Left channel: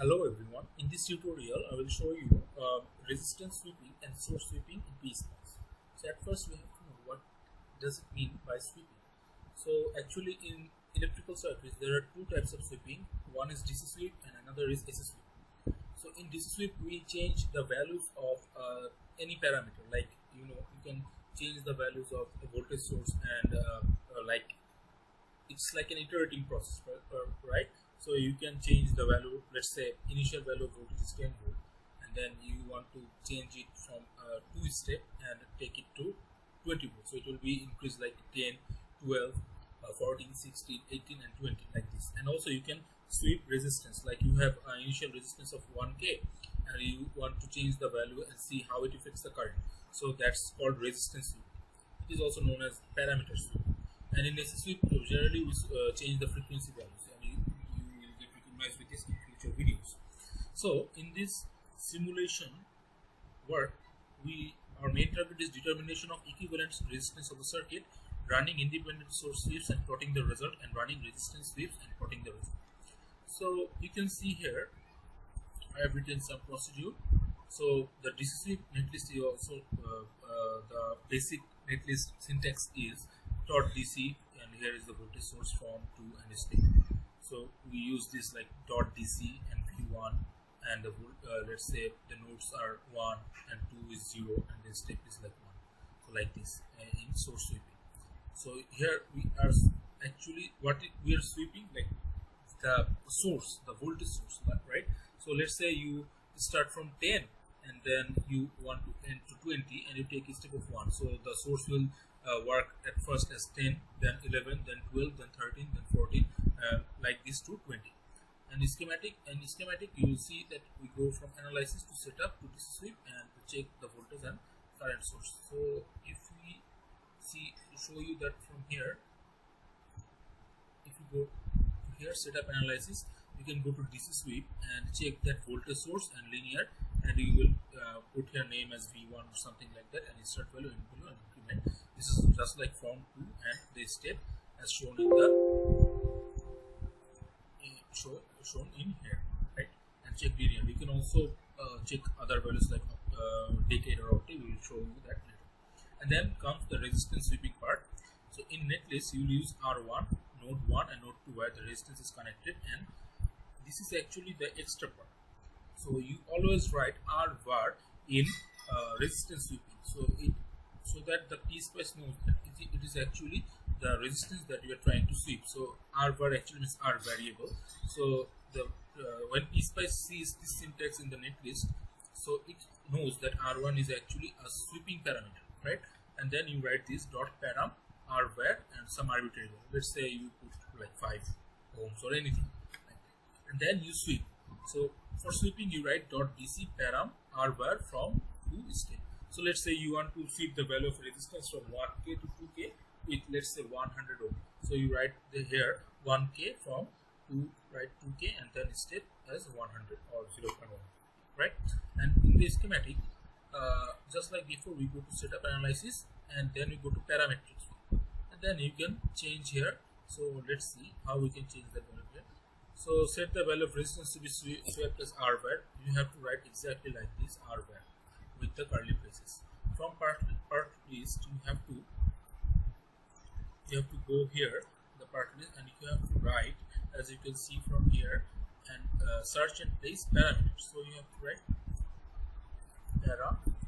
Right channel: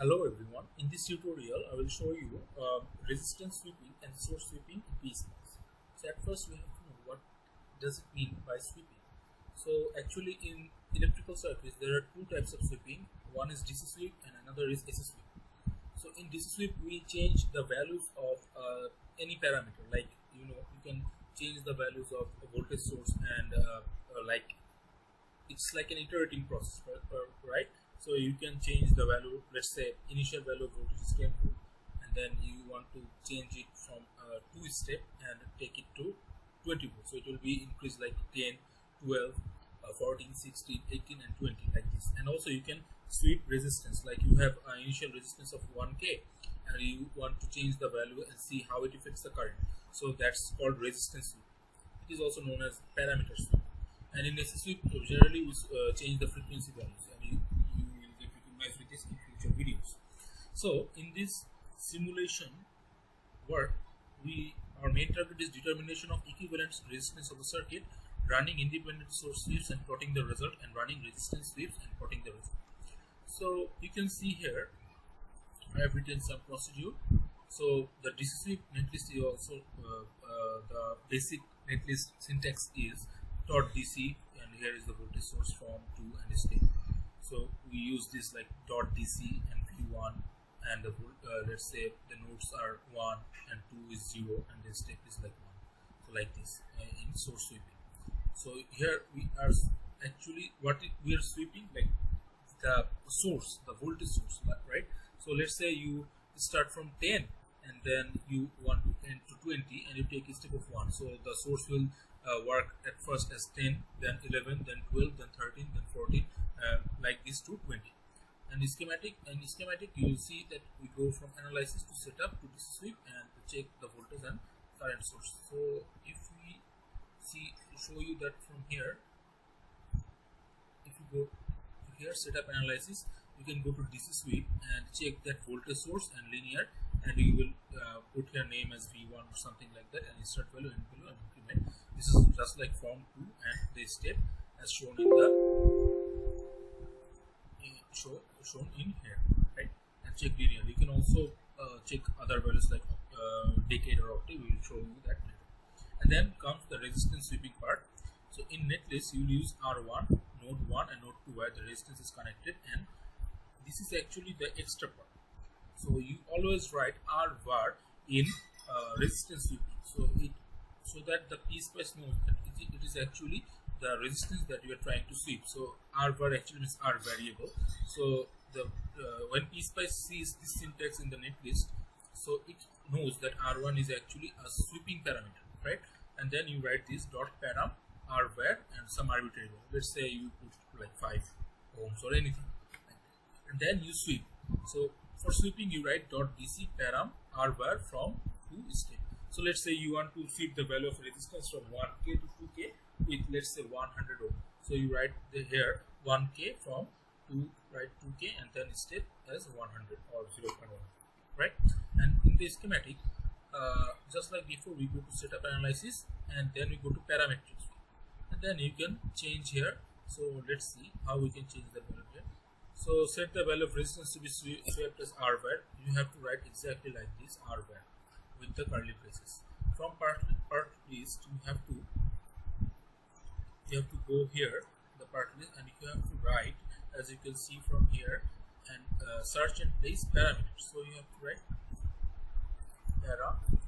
Hello everyone, in this tutorial I will show you resistance sweeping and source sweeping in PSpice. So at first we have to know what does it mean by sweeping. So actually in electrical circuits there are two types of sweeping. One is DC sweep and another is AC sweep. So in DC sweep we change the values of any parameter, like you can change the values of a voltage source and like it's like an iterating process, right? So you can change the value. Let's say initial value of voltage is 10 volt, and then you want to change it from 2 step and take it to 20 volt. So it will be increased like 10, 12, 14, 16, 18 and 20 like this. And also you can sweep resistance, like you have an initial resistance of 1k and you want to change the value and see how it affects the current. So that's called resistance sweep. It is also known as parameter sweep. And in AC sweep, generally we change the frequency values, and you will get recognized with this in future videos. So in this simulation work, our main target is determination of equivalent resistance of a circuit, running independent source sweeps and plotting the result, and running resistance sweeps and plotting the result. So you can see here I have written some procedure. So the DC sweep netlist is also the basic netlist syntax is dot DC, and here is the voltage source from 2 and step. So we use this like dot DC and V1, and the let's say the nodes are 1 and 2 is 0 and the step is like 1. So like this in source sweeping. So here we are actually we are sweeping like the source, the voltage source, right? So let's say you start from 10 and then you want to end to 20 and you take a step of 1. So the source will work at first as 10, then 11, then 12, then 13, then 14, like this to 20. And in schematic you will see that we go from analysis to setup to DC sweep and to check the voltage and current source. So if we show you that from here, if you go to here setup analysis, you can go to DC sweep and check that voltage source and linear, and you will put your name as V1 or something like that, and insert value, end value, and increment. This is just like from 2 and the step as shown in the shown in here, right? And check linear. You can also check other values like decade or octave. We will show you that later. And then comes the resistance sweeping part. So in netlist you will use R1, node 1 and node 2 where the resistance is connected, and this is actually the extra part. So you always write R var in resistance sweeping, so that the PSpice knows that it is actually the resistance that you are trying to sweep. So R var actually means R variable. So the when PSpice sees this syntax in the netlist, so it knows that R1 is actually a sweeping parameter, right? And then you write this dot param R var and some arbitrary value. Let's say you put like 5 ohms or anything, and then you sweep. So for sweeping you write dot DC param R var from 2 step. So let's say you want to sweep the value of resistance from 1k to 2k with, let's say, 100 ohm. So you write here 1k from 2, write 2k and then step as 100 or 0.1, right? And in the schematic, just like before, we go to setup analysis and then we go to parametric sweep, and then you can change here. So let's see how we can change the value here. So set the value of resistance to be swept as R var. You have to write exactly like this, R var, with the curly braces. From part list you have to go here, the part list, and you have to write, as you can see from here, and search and place parameters. So you have to write parameters.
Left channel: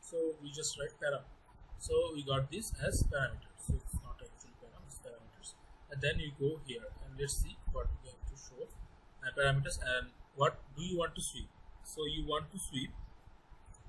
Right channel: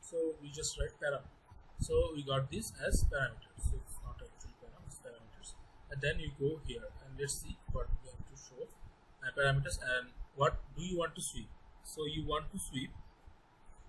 So we just write param. So we got this as parameters. So it's not actually param, it's parameters. And then you go here and let's see what we have to show. Parameters, and what do you want to sweep? So you want to sweep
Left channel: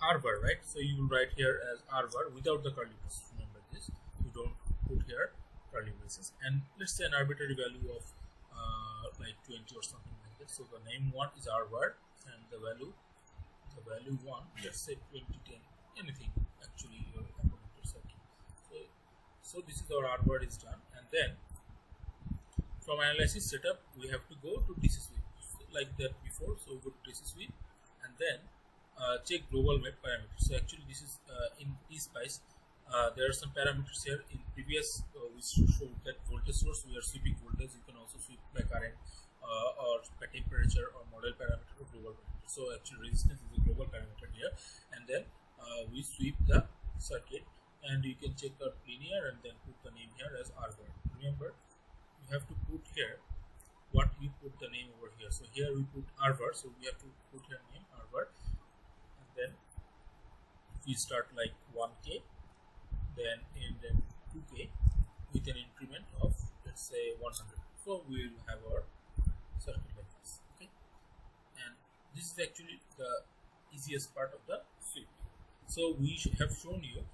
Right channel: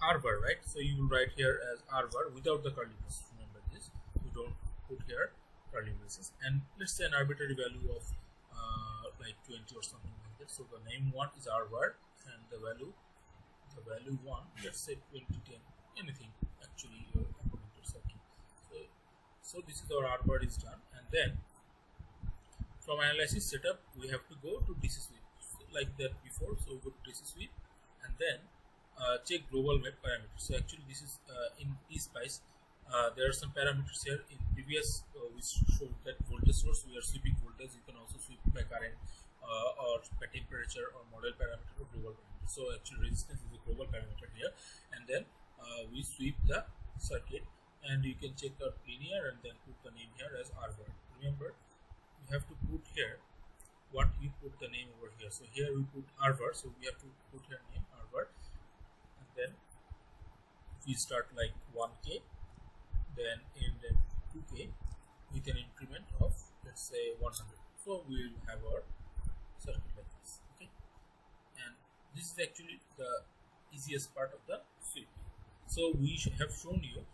R var, right? So you will write here as R var without the curly braces. Remember this. You don't put here curly braces. And let's say an arbitrary value of like 20 or something like that. So the name 1 is R var, and the value 1, let's say 2010, anything actually your according to circuit. So this is our R var is done, and then from analysis setup we have to go to DC sweep like that before. So we go to DC sweep, and then check global map parameters. So actually this is in PSpice. There are some parameters here. In previous we showed that voltage source, we are sweeping voltage. You can also sweep by current or by temperature or model parameter or global parameter. So actually resistance is a global parameter here, and then we sweep the circuit, and you can check out linear and then put the name here as Abrar. Remember, you have to put here what you put the name over here. So here we put Abrar, so we have to put here name Abrar, and then we start like 1K, then end then 2K with an increment of, let's say, 100. So we will have our circuit like this. Okay, and this is actually the easiest part of the sweep. So we have shown you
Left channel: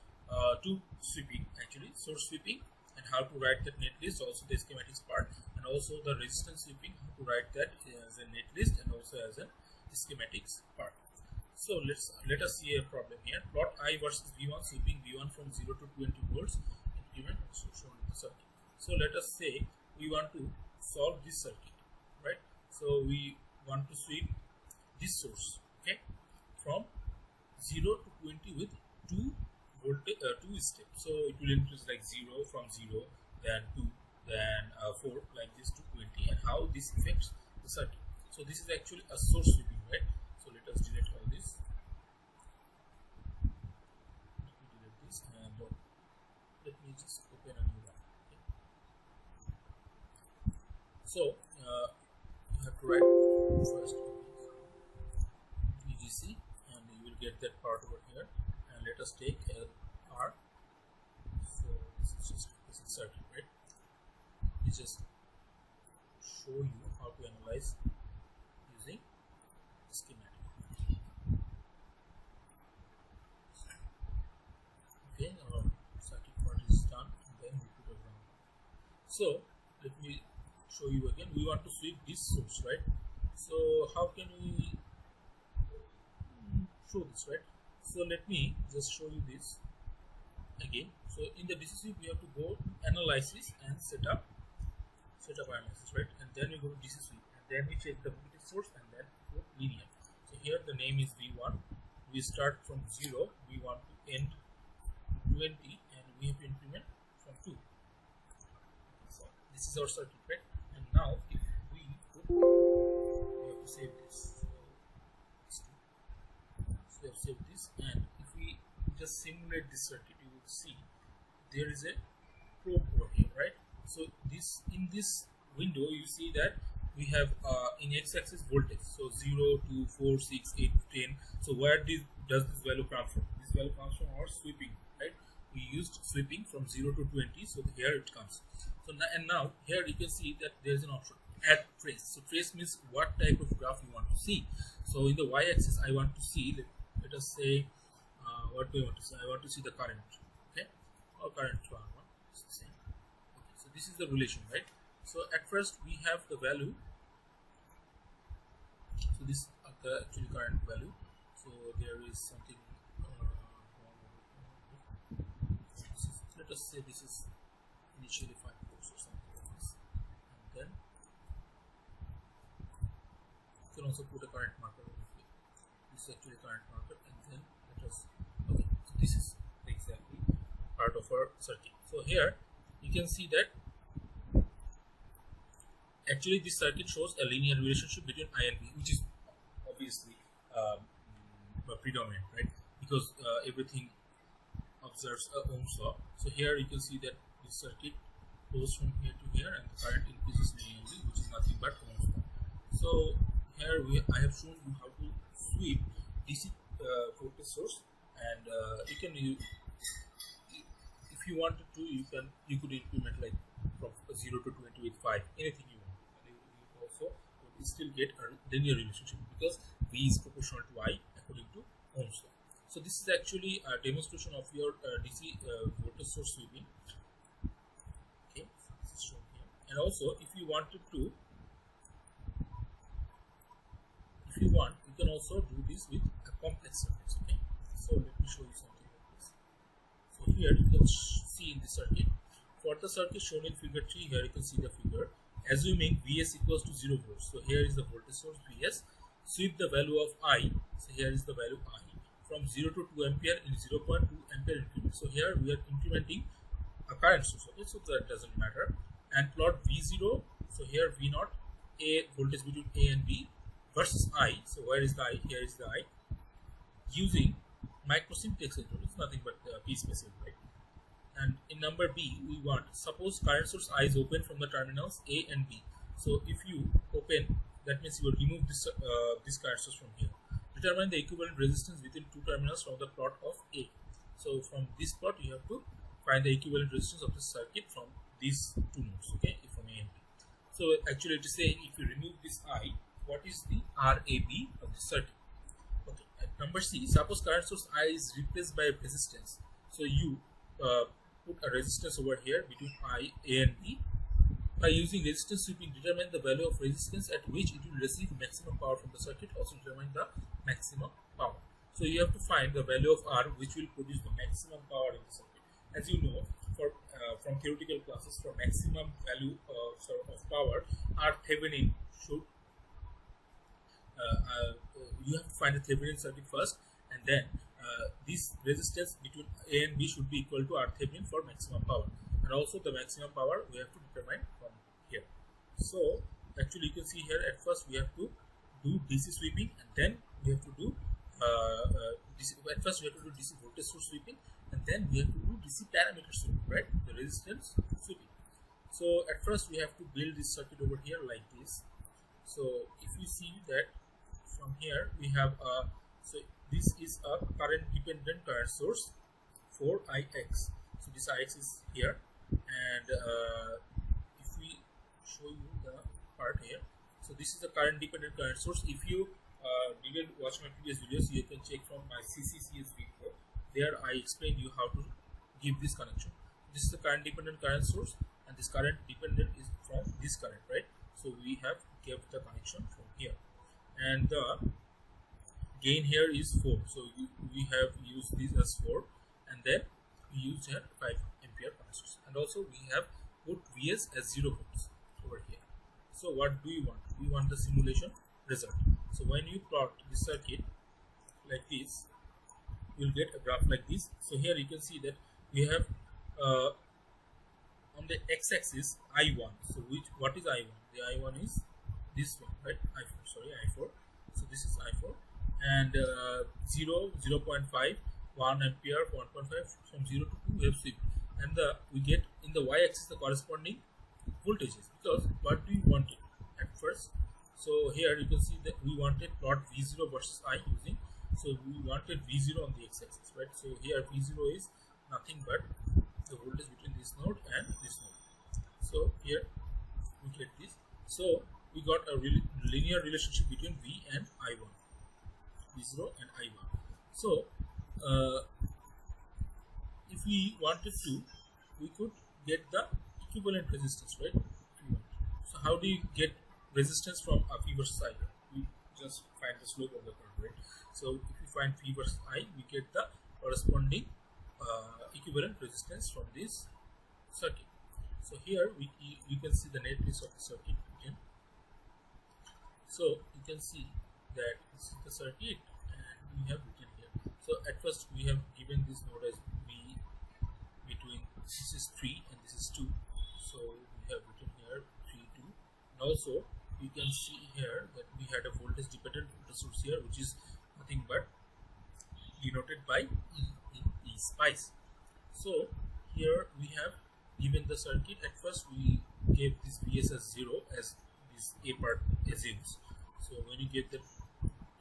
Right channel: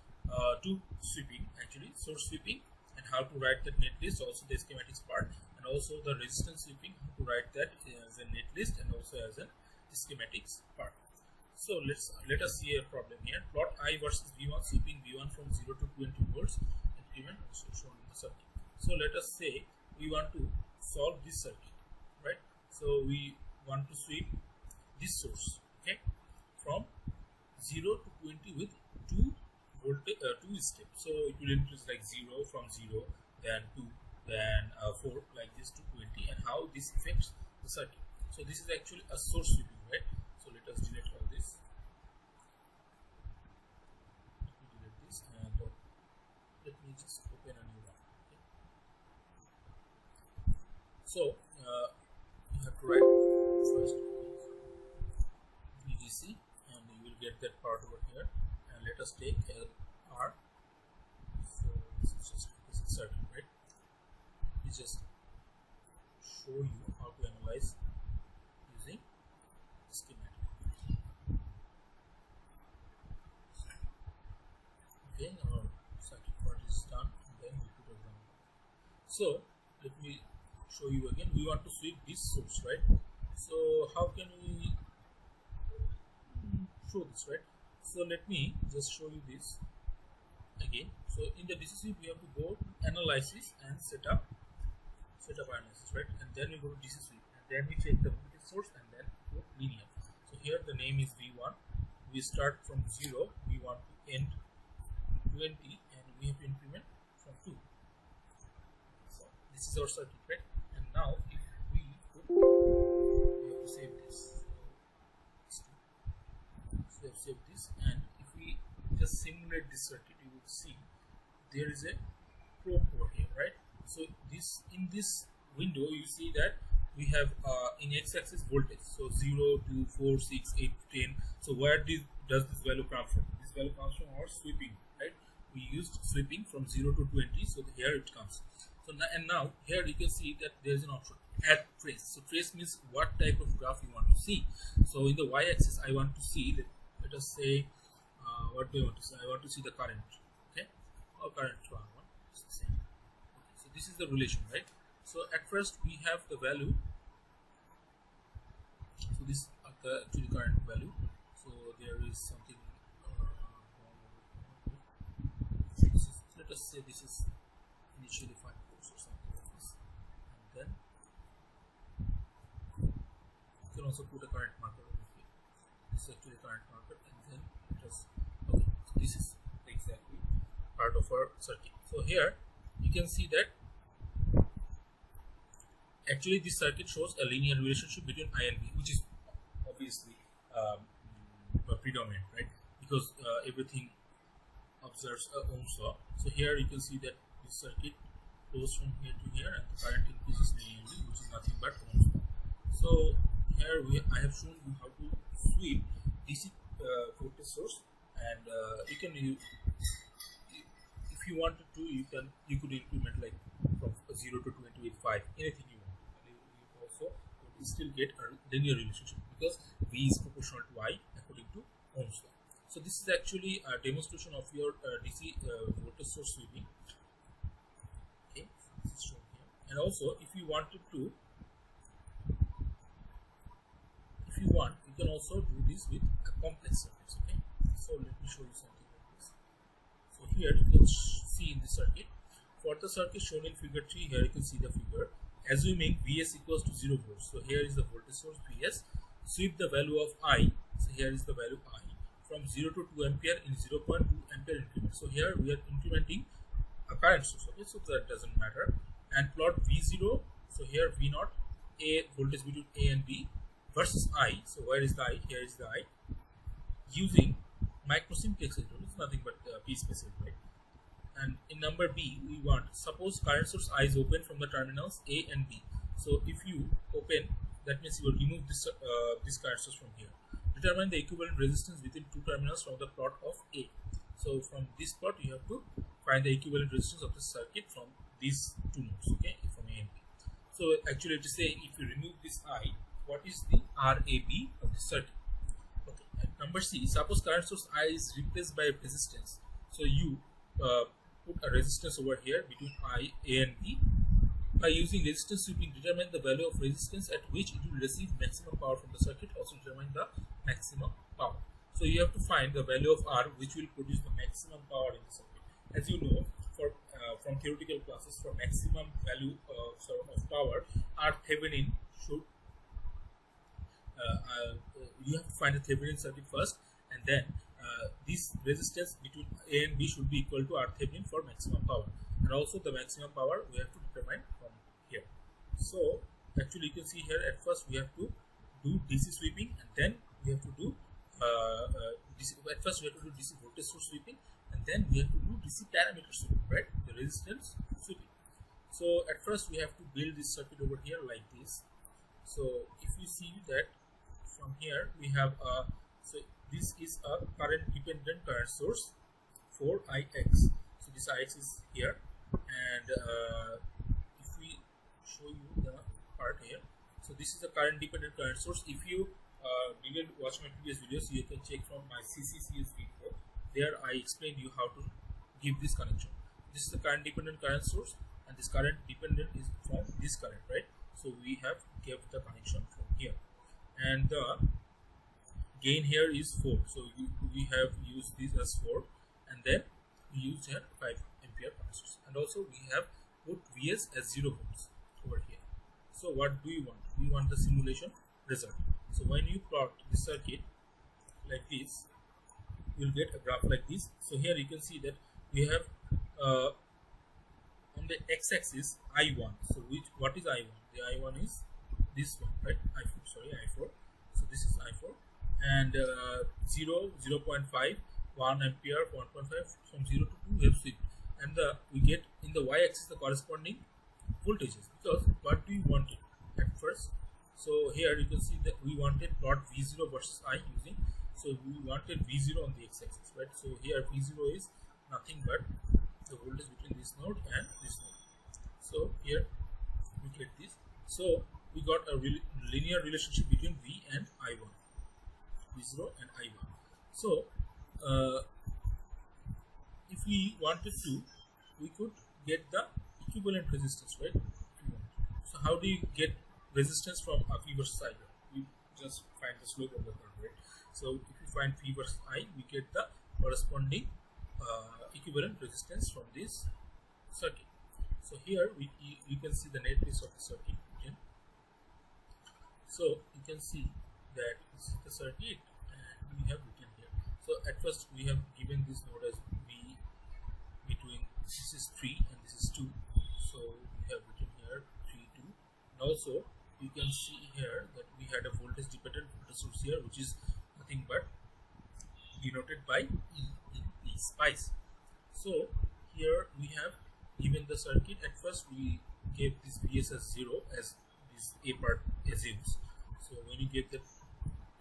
two sweeping, actually source sweeping and how to write that netlist, also the schematics part, and also the resistance sweeping, how to write that as a netlist and also as a schematics part. So let us see a problem here. Plot I versus V1, sweeping V1 from 0 to 20 volts, increment also shown in the circuit. So let us say we want to solve this circuit, right? So we want to sweep this source, okay, from 0 to 20 with 2 voltage, 2 steps. So it will increase like 0 from 0, then 2, then 4, like this to 20, and how this affects the circuit. So this is actually a source sweeping, right? So let us delete all this. Let me delete this, and let me just open a new one. Okay. So you have to write first VGC, and you will get that part over here. And let us take LR. So this is just this circuit, right? We just show you how to analyze using schematic. Okay, our circuit part is done, and then we put a ground. So let me show you again. We want to sweep this source, right? So how can we show this, right? So let me just show you this again. So in the DC sweep, we have to go to analysis and set up analysis, right? And then we go to DC sweep, and then we check the voltage source, and then go linear. So here the name is V1. We start from 0. We want to end 20, and we have to increment from 2. So this is our circuit, right? And now if we put, we have to save this. So we have saved this, and if we just simulate this circuit, you will see there is a probe over here, right? So this, in this window, you see that we have in x-axis voltage, so 0, 2, 4, 6, 8, 10. So where does this value come from? This value comes from our sweeping, right? We used sweeping from 0 to 20, so here it comes. So now here you can see that there is an option, add trace. So trace means what type of graph you want to see. So in the y-axis, I want to see, let us say, what do I want to see? I want to see the current, okay, or current one. It's the same. Okay, so this is the relation, right? So at first we have the value. So this is the actually current value. So there is something let us say this is initially 5 volts or something like this, and then you can also put a current marker over here. This is actually current marker, and then let us, okay, so this is exactly part of our circuit. So here you can see that actually this circuit shows a linear relationship between I and V, which is obviously predominant, right? Because everything observes Ohm's law. So here you can see that this circuit goes from here to here, and the current increases linearly, which is nothing but Ohm's law. So here I have shown you how to sweep DC voltage source, and you can if you wanted to, you could implement like from 0 to 20 with 5, anything you want, and you also would still get a linear relationship because V is proportional to I according to Ohm's law. So this is actually a demonstration of your DC voltage source sweeping. Okay, so this is shown here. And also, if you wanted to, you can also do this with a complex circuits. Okay, so let me show you something like this. So here you can see in the circuit. For the circuit shown in figure 3, here you can see the figure. Assuming Vs equals to 0 volts. So here is the voltage source Vs. Sweep the value of I. So So here is the value I from 0 to 2 ampere in 0.2 ampere increment. So here we are incrementing a current source. Okay, so that doesn't matter. And plot V0. So here V0, A voltage between A and B versus I. So where is the I? Here is the I. Using microsyntax control. It's nothing but PSpice, right? And in number B, we want, suppose current source I is open from the terminals A and B. So if you open, that means you will remove this current source from here. Determine the equivalent resistance within two terminals from the plot of A. So from this plot, you have to find the equivalent resistance of the circuit from these two nodes, okay, from A and B. So actually it is saying if you remove this I, what is the RAB of the circuit? Okay. At number C, suppose current source I is replaced by a resistance. So you put a resistance over here between I, A and B. By using resistance sweeping, determine the value of resistance at which it will receive maximum power from the circuit. Also determine the maximum power. So you have to find the value of R which will produce the maximum power in the circuit. As you know, for from theoretical classes, for maximum value of power, R Thevenin should you have to find the Thevenin circuit first, and then this resistance between A and B should be equal to R Thevenin for maximum power. And also the maximum power we have to determine from here. So actually you can see here, at first we have to do DC sweeping, and then we have to do at first we have to do DC voltage source sweeping, and then we have to do DC parameter sweeping, right? The resistance sweeping. So at first we have to build this circuit over here like this. So if you see that from here we have so this is a current dependent current source for IX. So this IX is here, and if we show you the part here, so this is the current dependent current source. If you didn't watch my previous videos, you can check from my CCCS video. There I explained you how to give this connection. This is the current dependent current source, and this current dependent is from this current, right? So we have kept the connection from here, and the gain here is 4. So we have used this as 4, and then we used here 5 ampere current source, and also we have put Vs as 0 volts over here. So what do you want? We want the simulation result. So when you plot the circuit like this, you will get a graph like this. So here you can see that we have on the x-axis I1. So what is I1? The I1 is this one, right? I4. So this is I4, and 0, 0.5, 1 ampere, 1.5, from 0 to 2 we have swept, and we get in the y-axis the corresponding voltages, because what do you want it at first? So here you can see that we wanted plot V0 versus I using, so we wanted V0 on the x-axis, right? So here V0 is nothing but the voltage between this node and this node. So here we get this. So we got a linear relationship between V and I1, V0 and I1. So if we wanted to, we could get the equivalent resistance, right? So how do you get resistance from V versus I? We just find the slope of the curve, right? So if we find V versus I, we get the corresponding equivalent resistance from this circuit. So here we can see the netlist of the circuit again. So you can see that this is the circuit, and we have written here. So at first we have given this node as V between, this is 3 and this is 2. So we have written here 3, 2. And also you can see here that we had a voltage dependent voltage source here, which is nothing but denoted by E in PSpice. So here we have given the circuit. At first we gave this Vs as 0 as this A part assumes. So when you get the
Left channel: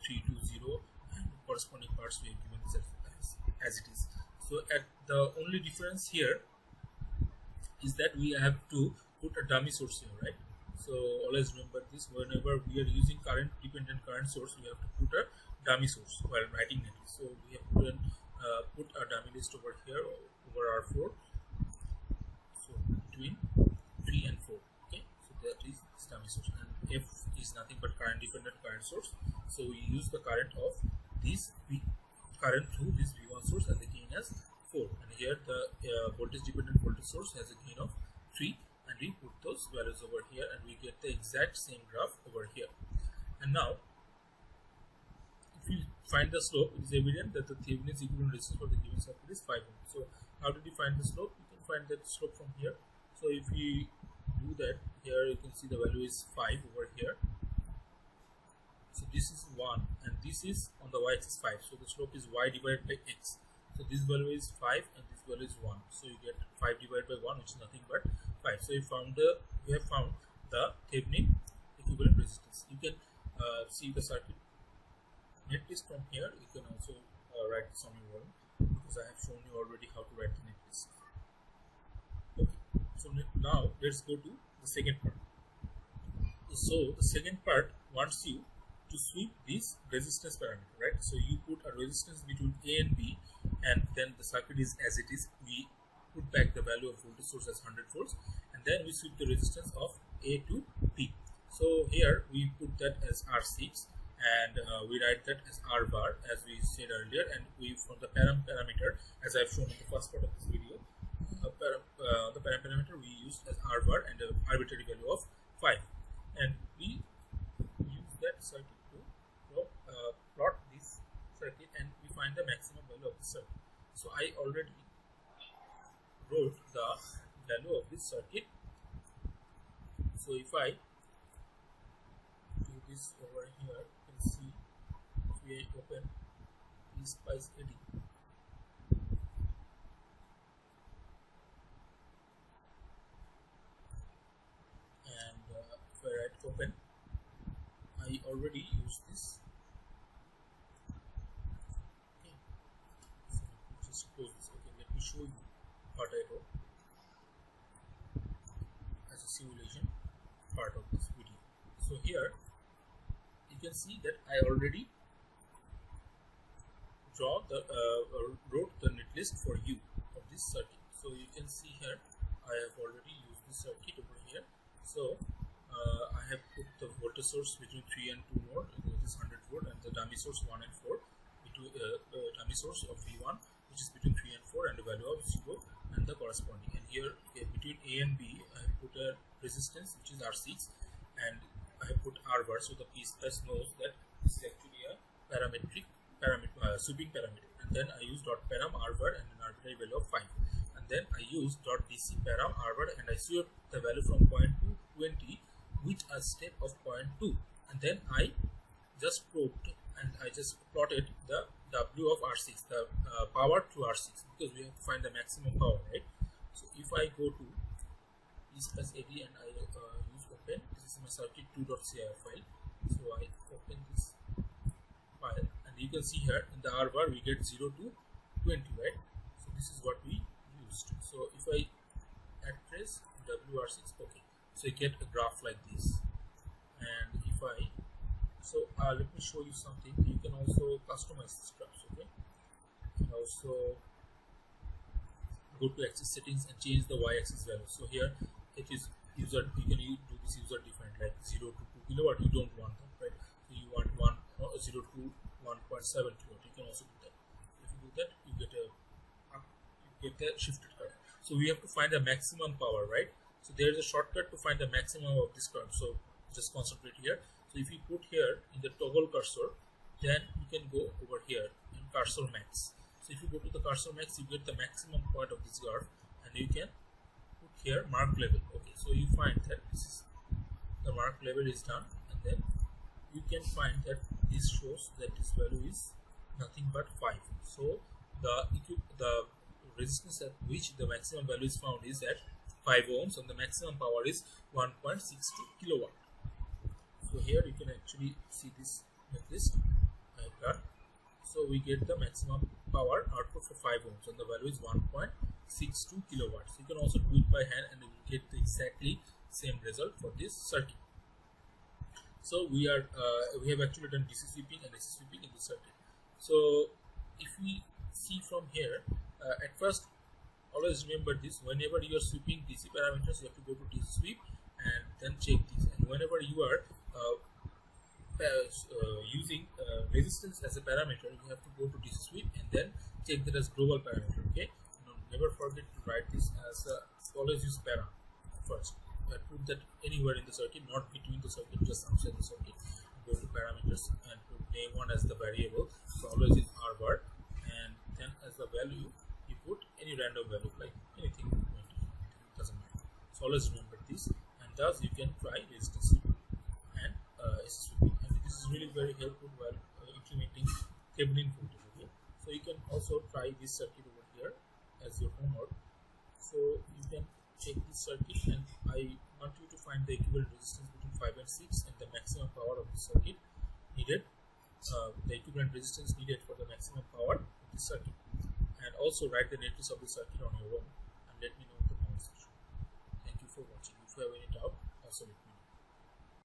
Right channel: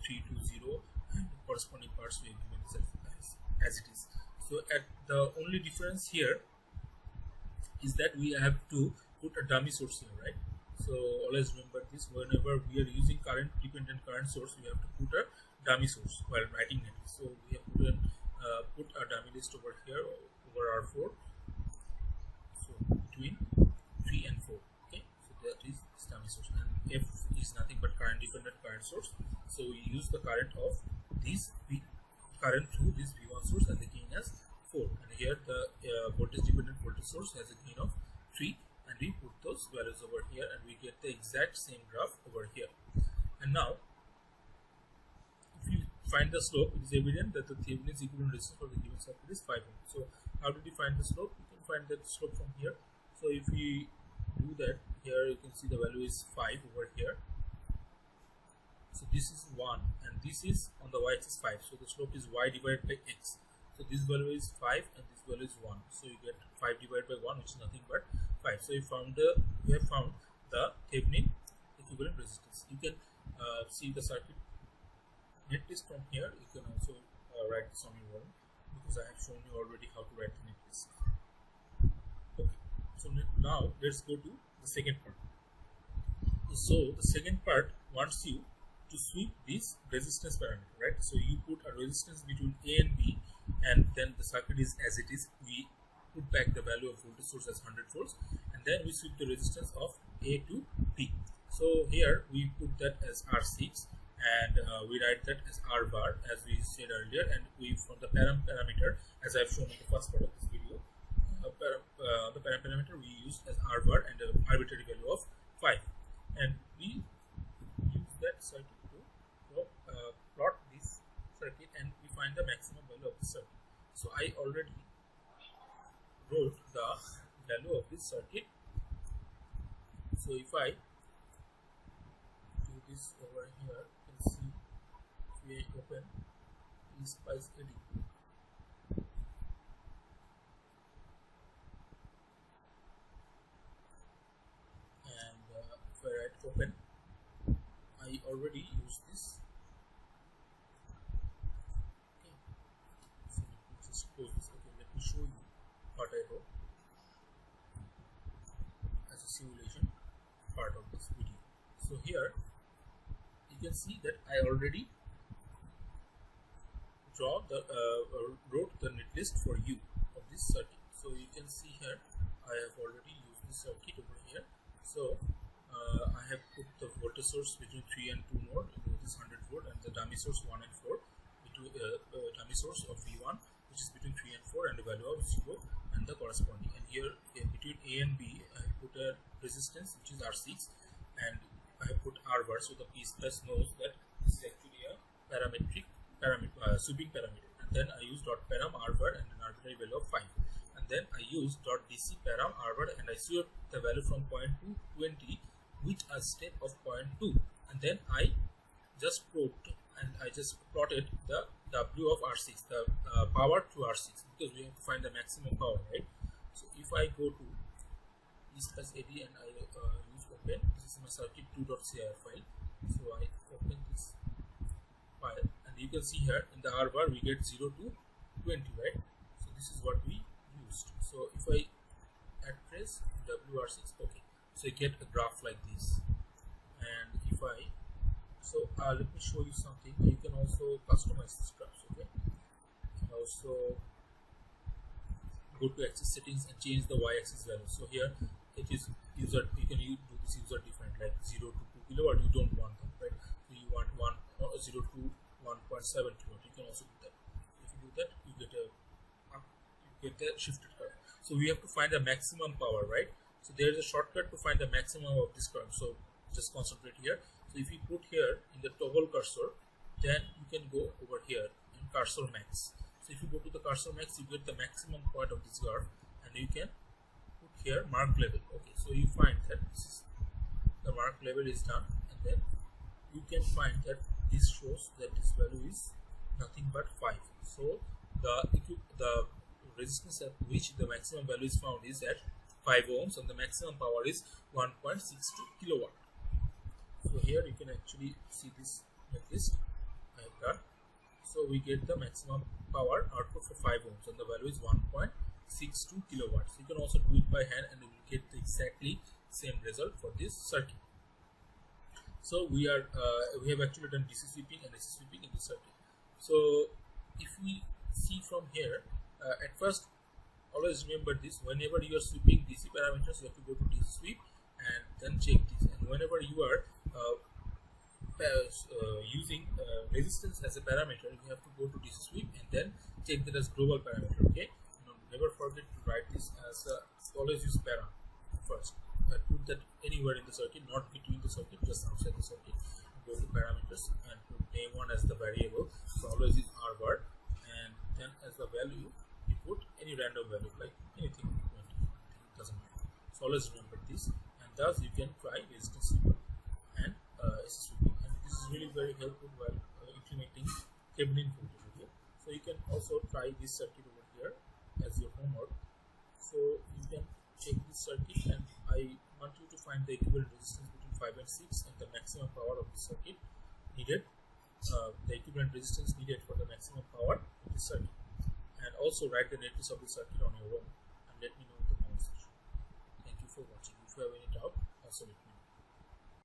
3, 2, 0 and corresponding parts, we have given this as it is. So at the only difference here is that we have to put a dummy source here, right? So always remember this, whenever we are using current dependent current source, we have to put a dummy source while writing netlist. So we have put a dummy list over here over R4. So between 3 and 4. Okay, so that is this dummy source, and F is nothing but current dependent current source. So we use the current of this current through this V1 source, and the gain as 4. And here the voltage dependent voltage source has a gain of 3, and we put those values over here, and we get the exact same graph over here. And now if you find the slope, it is evident that the Thevenin's equivalent resistance for the given circuit is 5 ohm. So how did we find the slope? You can find that slope from here. So if we do that, here you can see the value is 5 over here. So this is 1 and this is on the y-axis 5. So the slope is y divided by x. So this value is 5 and this value is 1. So you get 5 divided by 1, which is nothing but 5. So we have found the Thevenin equivalent resistance. You can see the circuit netlist from here. You can also write this on your own, because I have shown you already how to write the netlist. Okay, so now let's go to the second part. So the second part wants you to sweep this resistance parameter, right? So you put a resistance between A and B, and then the circuit is as it is. We put back the value of voltage source as 100 volts, and then we sweep the resistance of A to B. So here we put that as R6, and we write that as R bar, as we said earlier, and we from the parameter, as I've shown in the first part of this video, the parameter we used as R bar and an arbitrary value of 5, and we use that circuit to plot this circuit, and we find the maximum value of the circuit. So I already wrote the value of this circuit. So if I do this over here, you can see if we open PSpice ED, and if I write open, I already used this. Okay, so let me just close this. Okay, let me show you what I wrote as a simulation part of this video. So here you can see that I already wrote the netlist for you of this circuit. So you can see here I have already used this circuit over here. So I have put the voltage source between 3 and 2 node, that is 100 volt, and the dummy source 1 and 4, between dummy source of V1, which is between 3 and 4, and the value of 0 and the corresponding. And here between A and B, I have put a resistance which is R6, and I have put R bar, so the PSpice knows that this is actually a sweeping parameter. And then I use dot param R bar and an arbitrary value of 5. And then I use dot DC param R bar, and I sweep the value from point to 20 with a step of 0.2. And then I just probed and I just plotted the W of R6, the power to R6, because we have to find the maximum power, right? So if I go to PSpice AD and I use open, this is my circuit2.cir file. So I open this file, and you can see here in the R bar we get 0 to 20, right? So this is what we used. So if I add trace WR6, okay, so you get a graph like this. And if I let me show you something. You can also customize this graphs, okay? You can also go to axis settings and change the y-axis value. So here it is user, you can do this user defined, like 0 to 2 kilowatt. You don't want that, right? So you want 0 to 1.7 kilowatt. You can also do that. If you do that, you get a shifted curve. So we have to find the maximum power, right? So there is a shortcut to find the maximum of this curve. So just concentrate here. So if you put here in the toggle cursor, then you can go over here in cursor max. So if you go to the cursor max, you get the maximum point of this graph, and you can put here mark level. Okay, so you find that this is the mark level is done, and then you can find that this shows that this value is nothing but 5. So the resistance at which the maximum value is found is at 5 ohms, and the maximum power is 1.62 kilowatt. So here you can actually see this netlist I have done. So we get the maximum power output for 5 ohms, and the value is 1.62 kilowatts. You can also do it by hand, and you will get the exactly same result for this circuit. So we have actually done DC sweeping and AC sweeping in this circuit. So if we see from here, at first, always remember this: whenever you are sweeping DC parameters, you have to go to DC sweep and then check this. And whenever you are using resistance as a parameter, you have to go to DC sweep and then check that as global parameter. Okay, never forget to write this as always use param first. Put that anywhere in the circuit, not between the circuit, just outside the circuit. go to parameters and put name1 as the variable. So always use rvar, and then as the value you put any random value like anything, it doesn't matter. So always remember this, and thus you can try resistance sweeping and sweeping, and this is really very helpful while implementing Thevenin voltage. Okay, so you can also try this circuit over here as your homework. So you can check this circuit, and I want you to find the equivalent resistance between 5 and 6 and the maximum power of the circuit needed, the equivalent resistance needed for the maximum power of the circuit, and also write the netlist of the circuit on your own and let me know